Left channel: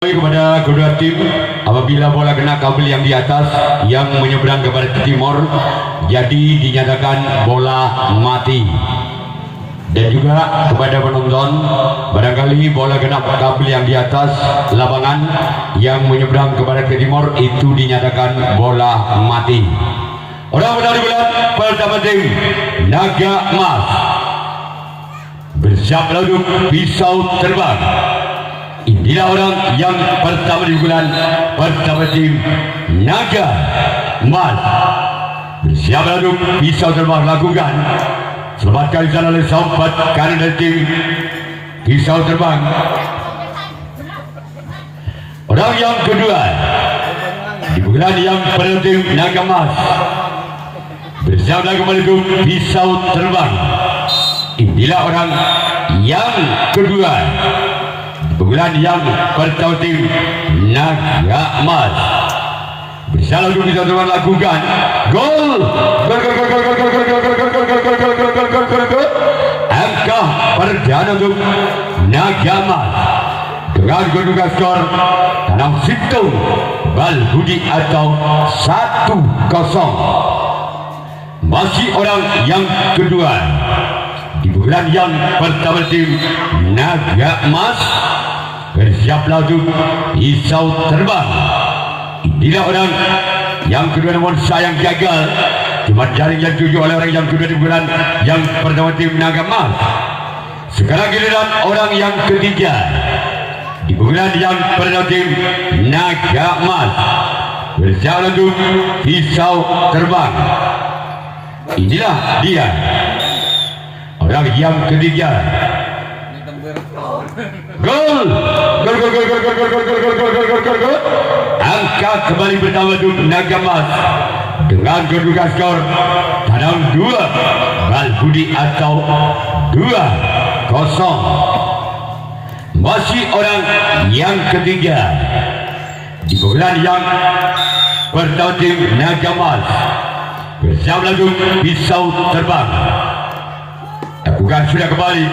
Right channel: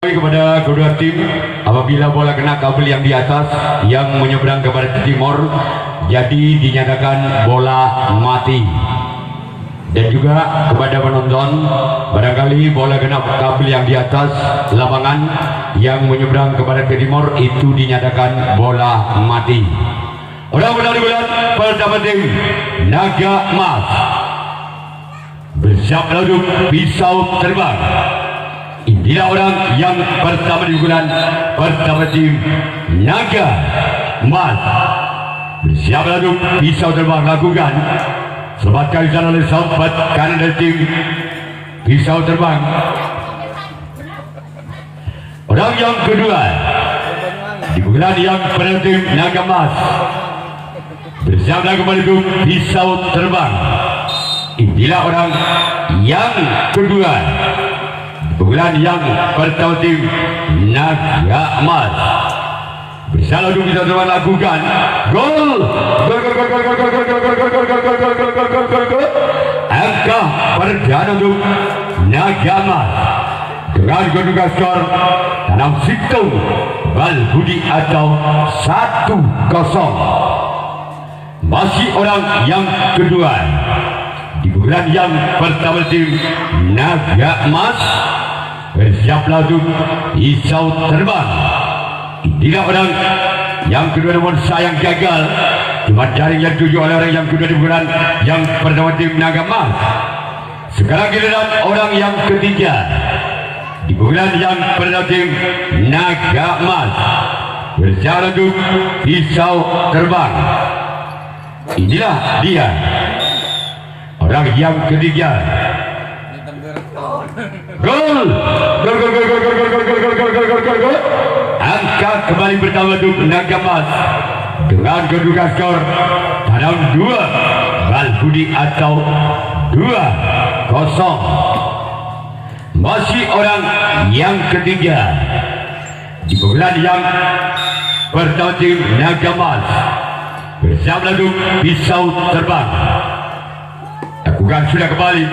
Kepada kedua tim, apabila bola kena kabel yang di atas yang menyeberang kepada timur, jadi dinyatakan bola mati. Dan juga kepada penonton, barangkali bola kena kabel yang di atas lapangan yang menyeberang kepada timur, itu dinyatakan bola mati. Orang menari bulan pertama tim Naga Emas bersiap lalu pisau terbang. Inilah orang yang pertama di bulan pertama tim Naga Emas bersiap lalu pisau terbang lakukan. Selamatkan di sana oleh sahabat kanan dari tim pisau terbang. Orang yang kedua di bulan yang pertama tim Naga Emas bersiap lalu menuju pisau terbang. Inilah orang yang kedua bulan yang pertama tim Naga Emas bisa lalu bisa terbang lakukan gol angka perdana untuk Naga Emas dengan kedudukan skor dalam situ Balbudi atau 1-0. Masih orang yang kedua di bulan yang pertama tim Naga Emas bersiap lalu pisau terbang. Inilah orang yang kedua, namun sayang gagal. Cuma jaring yang tuju oleh orang yang kedua di bulan yang pertama tim Naga Emas. Sekarang giliran orang yang ketiga di bulan yang pertama tim Naga Emas bersiap lalu pisau terbang. Inilah dia orang yang ketiga. Gol. Angka kembali pertama untuk Naga Emas dengan kedudukan skor dalam 2 Balbudi atau 2-0. Masih orang yang ketiga di bulan yang pertama tim Naga Emas bersama lalu pisau terbang. Lakukan sudah kembali.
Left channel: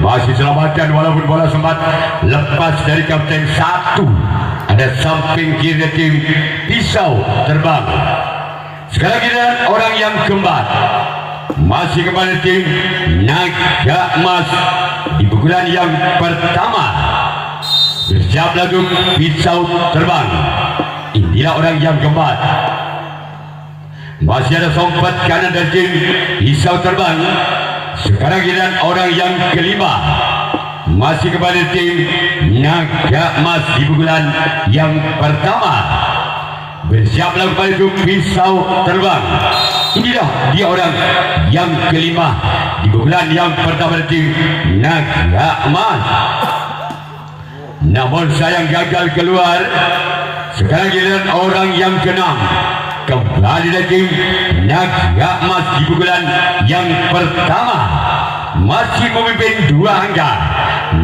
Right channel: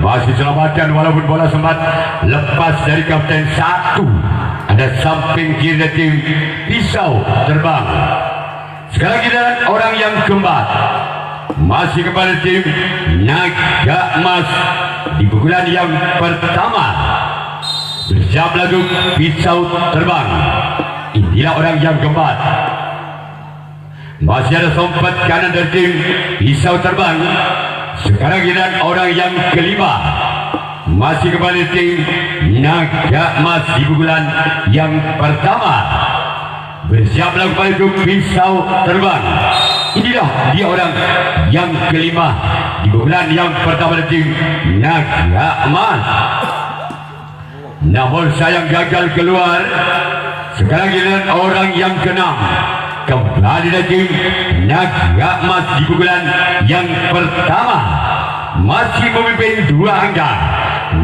Masih selamatkan walaupun bola sempat lepas dari kapten 1. Ada samping kiri tim pisau terbang. Sekarang kita orang yang keempat. Masih kepada tim Naga Emas di pukulan yang pertama. Bersiap lagu pisau terbang. Inilah orang yang keempat. Masih ada sempat kanan dari tim pisau terbang. Sekarang kita orang yang kelima. Masih kepada tim Naga Emas di pukulan yang pertama. Bersiap lakukan itu pisau terbang. Inilah dia orang yang kelima di pukulan yang pertama tim Naga Emas. Namun sayang gagal keluar. Sekarang kita orang yang keenam. Kembali dari tim Naga Emas di pukulan yang pertama. Masih memimpin 2 angka.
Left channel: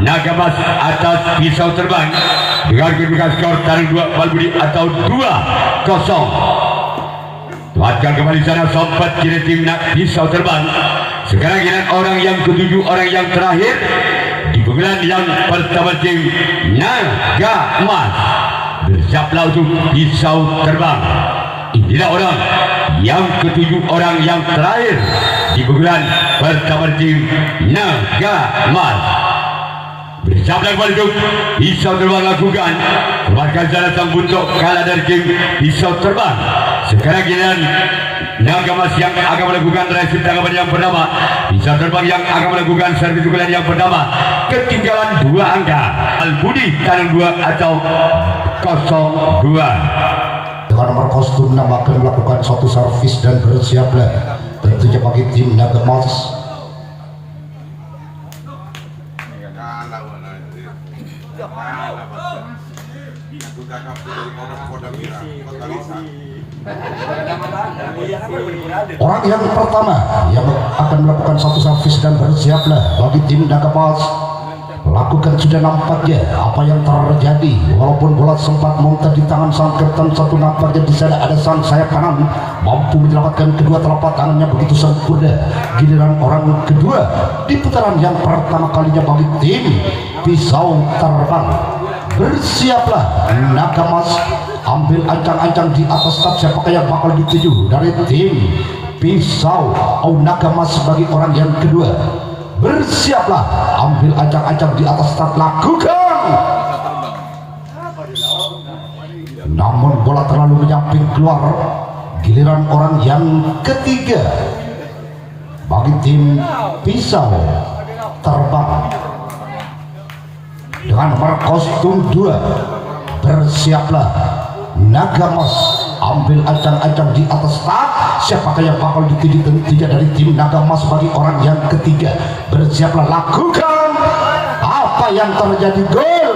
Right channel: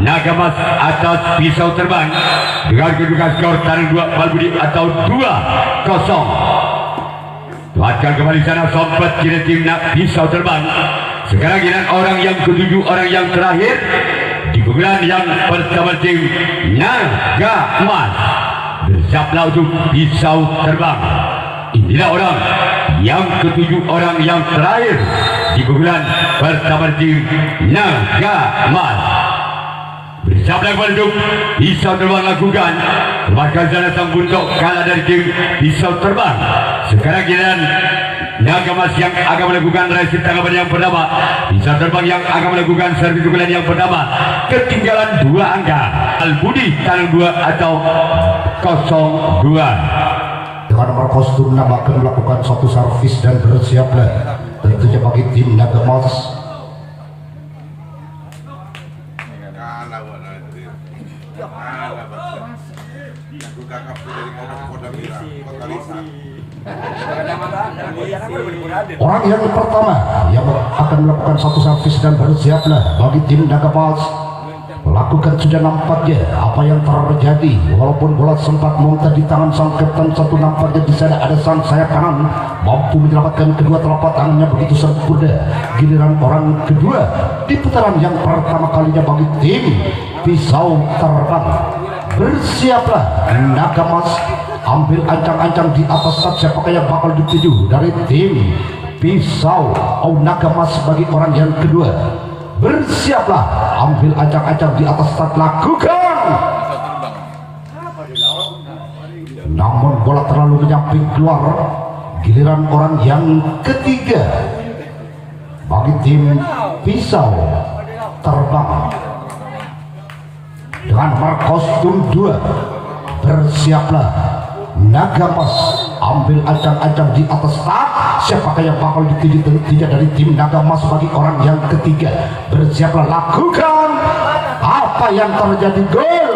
Naga Emas atas pisau terbang dengan kedudukan skor dari 2 Balbudi atau 2-0. Tuatkan kembali sana sobat kiri tim pisau terbang. Sekarang kita orang yang ketujuh, orang yang terakhir di pukulan yang pertama tim Naga Emas. Bersiaplah untuk pisau terbang. Inilah orang yang ketujuh, orang yang terakhir di pukulan pertama tim Naga Emas. Bersiaplah kembali untuk pisau terbang lakukan. Bahkan salah sang buntok kalah dari tim pisau terbang. Sekarang kita Naga Emas yang akan melakukan resi tanggapan yang pertama. Pisau terbang yang akan melakukan servis pukulan yang pertama. Ketinggalan 2 angka. Balbudi tangan 2 atau 02. Dengan nomor kostum nama akan melakukan suatu servis dan bersiaplah tentunya bagi tim Naga Emas. Orang yang pertama yang akan melakukan satu servis dan bersiaplah bagi tim Naga Emas. Lakukan sudah nampaknya apa yang terjadi. Walaupun bola sempat monter di tangan sang kapten 1, nampaknya di sana ada sang sayap kanan mampu menyelamatkan kedua telapak tangannya begitu sempurna. Giliran orang kedua di putaran yang pertama kalinya bagi tim pisau terbang. Bersiaplah naga emas, ambil ancang-ancang di atas start. Siapakah yang bakal dituju dari tim pisau naga emas sebagai orang yang kedua? Bersiaplah, ambil ancang-ancang di atas start, lakukan. Namun bola terlalu menyamping keluar. Giliran orang yang ketiga bagi tim pisau terbang dengan nomor kostum 2. Bersiaplah naga emas, ambil ancang-ancang di atas start. Siapakah yang bakal dituju? Tentunya dari tim naga emas sebagai orang yang ketiga. Bersiaplah, lakukan. Apa yang terjadi? Gol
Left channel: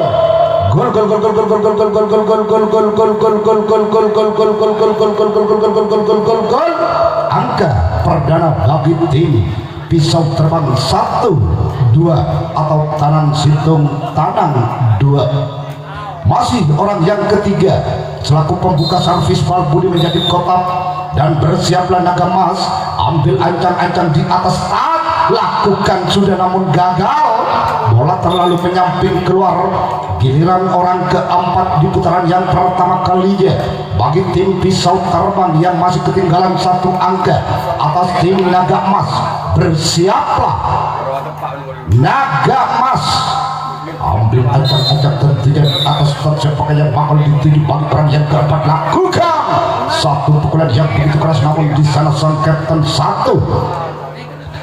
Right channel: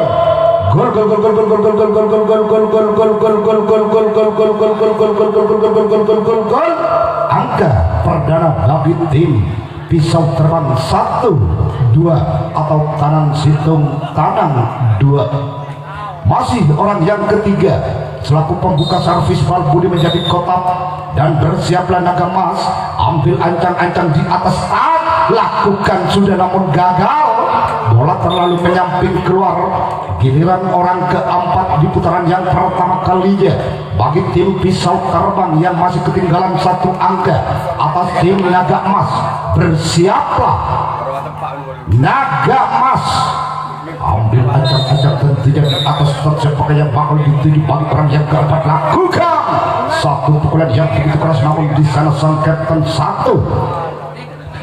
angka perdana bagi tim pisau terbang 1, 2 atau tanang situng tanang 2. Masih orang yang ketiga selaku pembuka servis Budi menjadi kotak. Dan bersiaplah naga emas, ambil ancang-ancang di atas start, lakukan sudah namun gagal. Bola terlalu menyamping keluar. Giliran orang keempat di putaran yang pertama kalinya bagi tim pisau terbang yang masih ketinggalan 1 angka atas tim naga emas. Bersiaplah naga emas, ambil ancang-ancang tentunya di atas start. Siapakah yang bakal dituju bagi orang yang keempat? Lakukan satu pukulan yang begitu keras, namun di sana sang kapten 1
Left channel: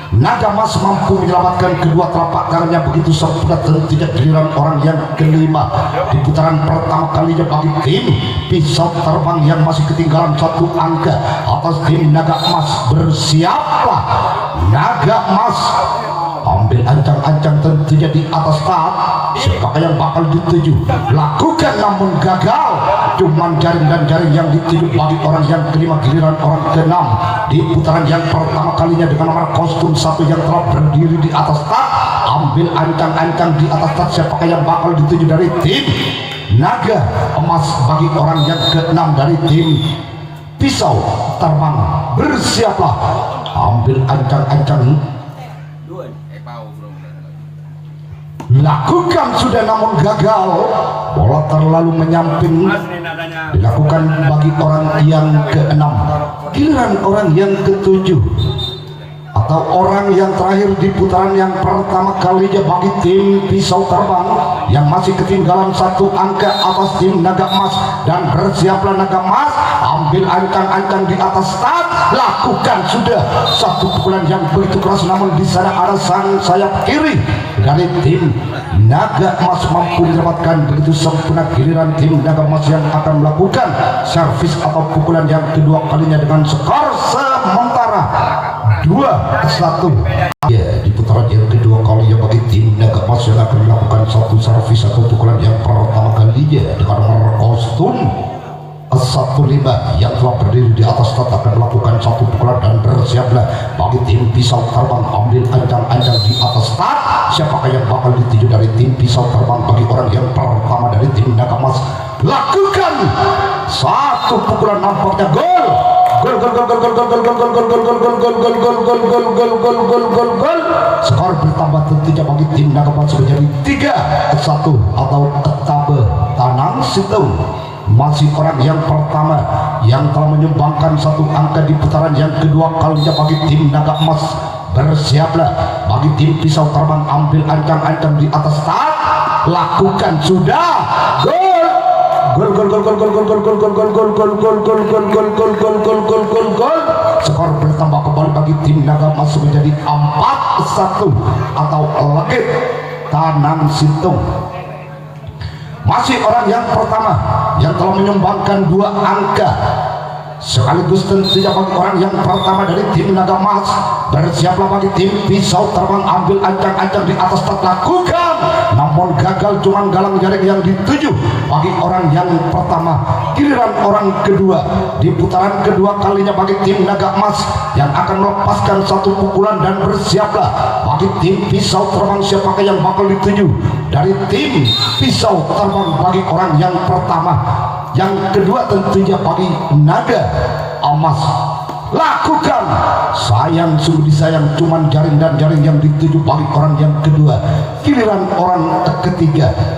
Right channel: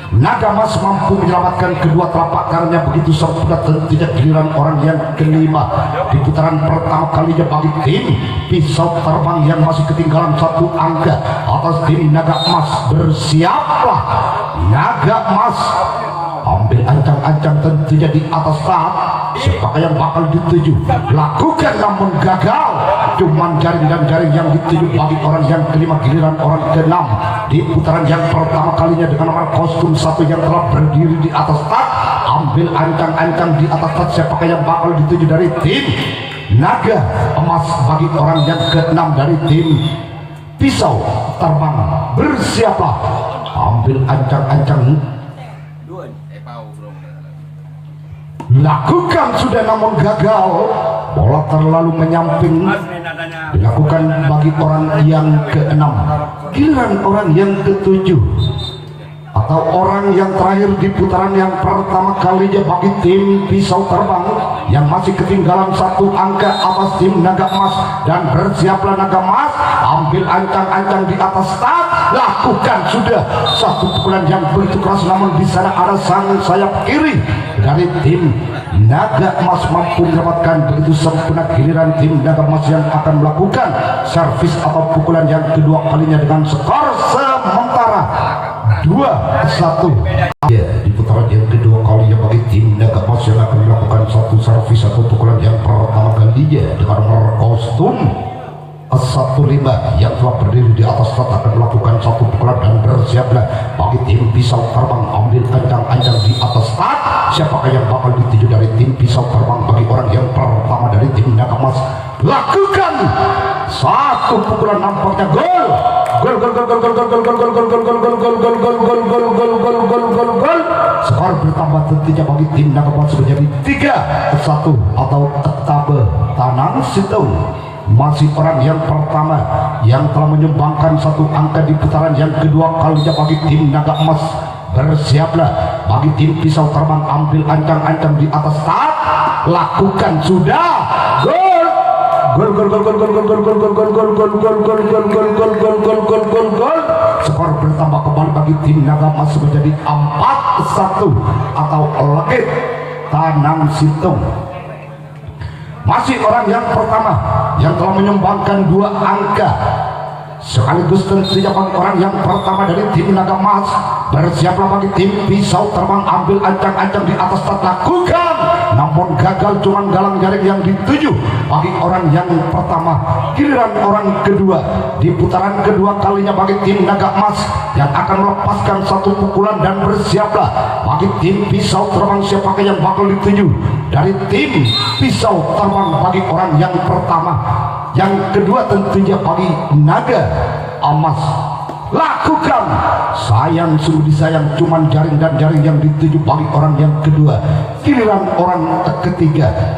naga emas mampu menyelamatkan kedua telapak tangannya begitu sempurna. Tentunya giliran orang yang kelima di putaran pertama kalinya bagi tim pisau terbang yang masih ketinggalan 1 angka atas tim naga emas. Bersiaplah naga emas, ambil ancang-ancang tentunya di atas start. Siapakah yang bakal dituju? Lakukan namun gagal. Cuman jaring dan jaring yang dituju bagi orang yang kelima. Giliran orang keenam di putaran yang pertama kalinya dengan nomor kostum 1 yang telah berdiri di atas start. Ambil ancang-ancang di atas start. Siapakah yang bakal dituju dari tim naga emas bagi orang yang keenam dari tim pisau terbang? Bersiaplah, ambil ancang-ancang, lakukan sudah namun gagal. Bola terlalu menyamping, dilakukan bagi orang yang keenam. Giliran orang yang ketujuh atau orang yang terakhir di putaran yang pertama kalinya bagi tim pisau terbang yang masih ketinggalan 1 angka atas tim naga emas. Dan bersiaplah naga emas, ambil ancang-ancang di atas start, lakukan sudah 1 pukulan yang begitu keras, namun di sana ada sang sayap kiri dari tim naga emas mampu menyelamatkan begitu sempurna. Giliran tim naga emas yang akan melakukan servis atau pukulan yang kedua kalinya dengan skor sementara 2-1. Ya, di putaran yang kedua kalinya bagi tim naga emas yang akan melakukan 1 servis atau pukulan yang pertama kalinya dengan nomor kostum 15 yang telah berdiri di atas start akan melakukan 1 pukulan. Dan bersiaplah bagi tim pisau terbang, ambil ancang-ancang di atas start. Siapakah yang bakal dituju dari tim pisau terbang bagi orang yang pertama dari tim naga emas? Lakukan 1 pukulan, nampaknya gol. Gol. Skor bertambah tentunya bagi tim naga emas menjadi 3-1 atau etape tanang situng. Masih orang yang pertama yang telah menyumbangkan 1 angka di putaran yang kedua kalinya bagi tim naga emas. Bersiaplah bagi tim pisau terbang, ambil ancang-ancang di atas start, lakukan sudah. Gol. Skor bertambah kembali bagi tim naga emas menjadi 4-1 atau legit tanam situng. Masih orang yang pertama yang telah menyumbangkan 2 angka sekaligus tentunya bagi orang yang pertama dari tim naga emas. Bersiaplah bagi tim pisau terbang, ambil ancang-ancang di atas start, lakukan namun gagal. Cuman galang jaring yang dituju bagi orang yang pertama. Giliran orang kedua di putaran kedua kalinya bagi tim naga emas yang akan melepaskan 1 pukulan. Dan bersiaplah bagi tim pisau terbang. Siapakah yang bakal dituju dari tim pisau terbang bagi orang yang pertama? Yang kedua tentunya bagi naga emas. Lakukan, sayang sungguh disayang, cuman jaring dan jaring yang dituju bagi orang yang kedua. Giliran orang ketiga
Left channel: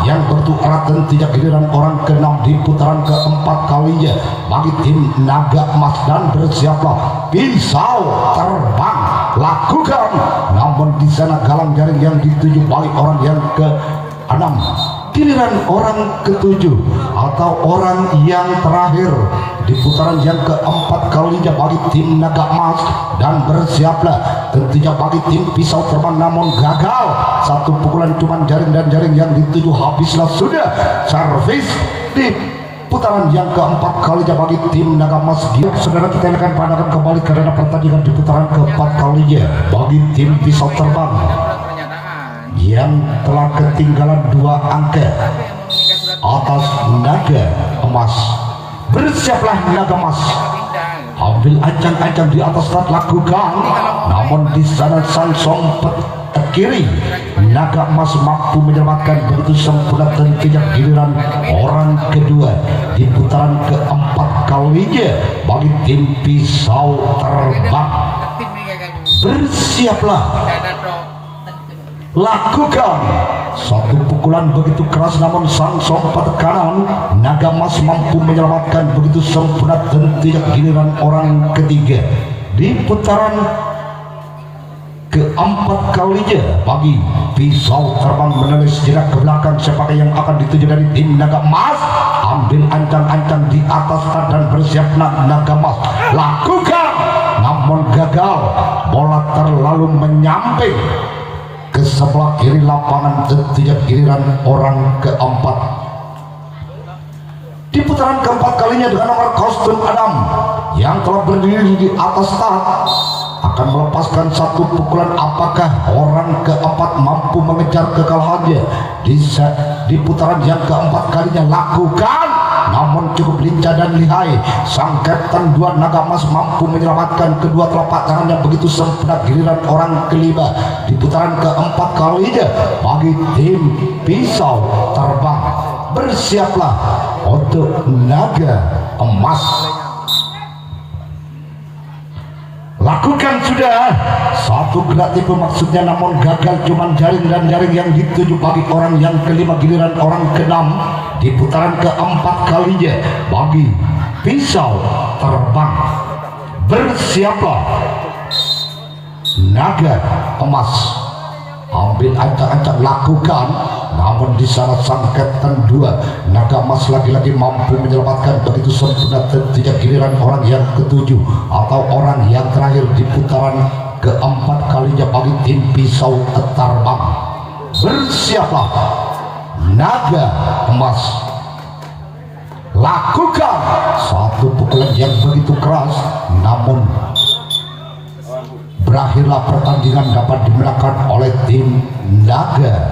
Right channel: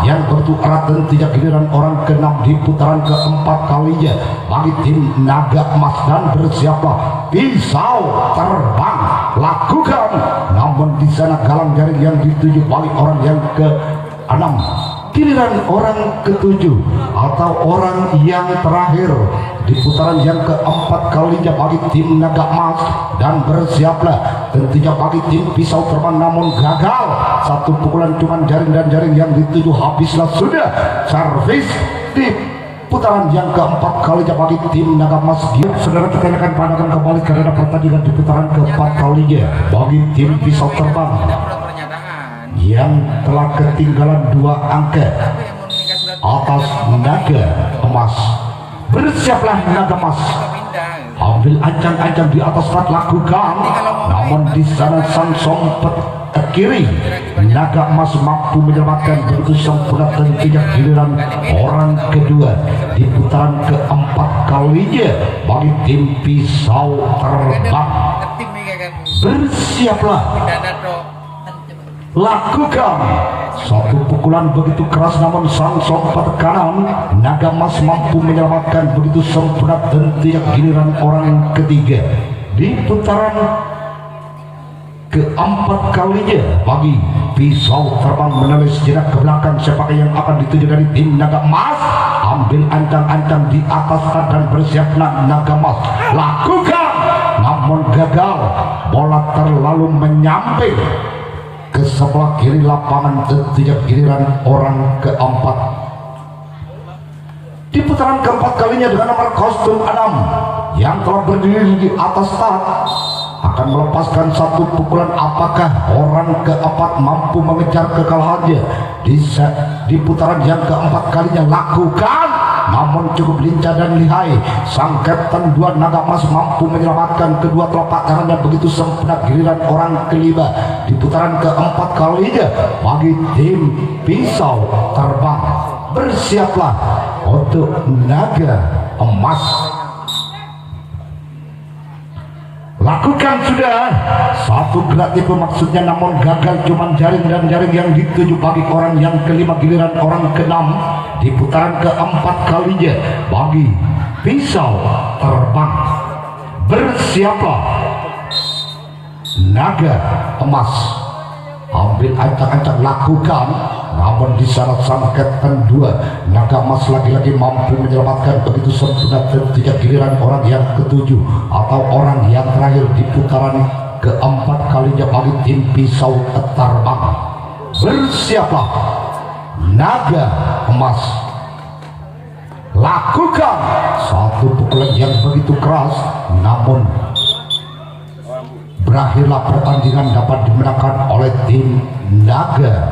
yang begitu erat dan tidak giliran orang ke-6 di putaran keempat kalinya bagi tim Naga Emas. Dan bersiaplah pisau terbang lakukan, namun di sana galang jaring yang dituju bagi orang yang ke-6, giliran orang ke-7 atau orang yang terakhir di putaran yang keempat kalinya bagi tim Naga Emas. Dan bersiaplah tentunya bagi tim pisau terbang, namun gagal. Satu pukulan cuman jaring dan jaring yang dituju habislah sudah. Servis di putaran yang keempat kalinya bagi tim Naga Emas. Saudara, kita akan pandangkan kembali karena pertandingan di putaran keempat kalinya bagi tim pisau terbang yang telah ketinggalan 2 angka atas Naga Emas. Bersiaplah Naga Emas, ambil ancang-ancang di atas rat lakukan, namun di sana sang sompet ke kiri Naga Emas mampu menyelamatkan begitu sempurna. Tentunya giliran orang kedua di putaran keempat kalinya bagi tim pisau terbang. Bersiaplah lakukan, satu pukulan begitu keras namun sang sompet kanan Naga Emas mampu menyelamatkan begitu sempurna. Tentunya giliran orang ketiga di putaran keempat kalinya bagi pisau terbang menulis jenak ke belakang. Siapa yang akan dituju dari tim Naga Emas? Ambil ancang-ancang di atas dan bersiaplah Naga Emas lakukan, namun gagal. Bola terlalu menyamping ke sebelah kiri lapangan. Tentunya giliran orang keempat di putaran keempat kalinya dengan nomor kostum 6 yang telah berdiri di atas start akan melepaskan satu pukulan. Apakah orang keempat mampu mengejar kekalahannya di putaran yang keempat kalinya? Lakukan, namun cukup lincah dan lihai sang Kapten 2 Naga Emas mampu menyelamatkan kedua telapak tangannya begitu sempurna. Giliran orang kelima di putaran keempat kalinya bagi tim pisau terbang. Bersiaplah untuk Naga Emas. Lakukan sudah satu gerak tipe maksudnya, namun gagal cuman jaring dan jaring yang dituju bagi orang yang kelima. Giliran orang ke-6 di putaran keempat kalinya bagi pisau terbang. Bersiaplah Naga Emas, ambil ancang-ancang lakukan, namun di sana sang Kapten 2 Naga Emas lagi-lagi mampu menyelamatkan begitu sempurna. Tentunya giliran orang yang ke-7 atau orang yang terakhir di putaran keempat kalinya bagi tim pisau terbang. Bersiaplah Naga Emas, lakukan satu pukulan yang begitu keras, namun berakhirlah pertandingan dapat dimenangkan oleh tim Naga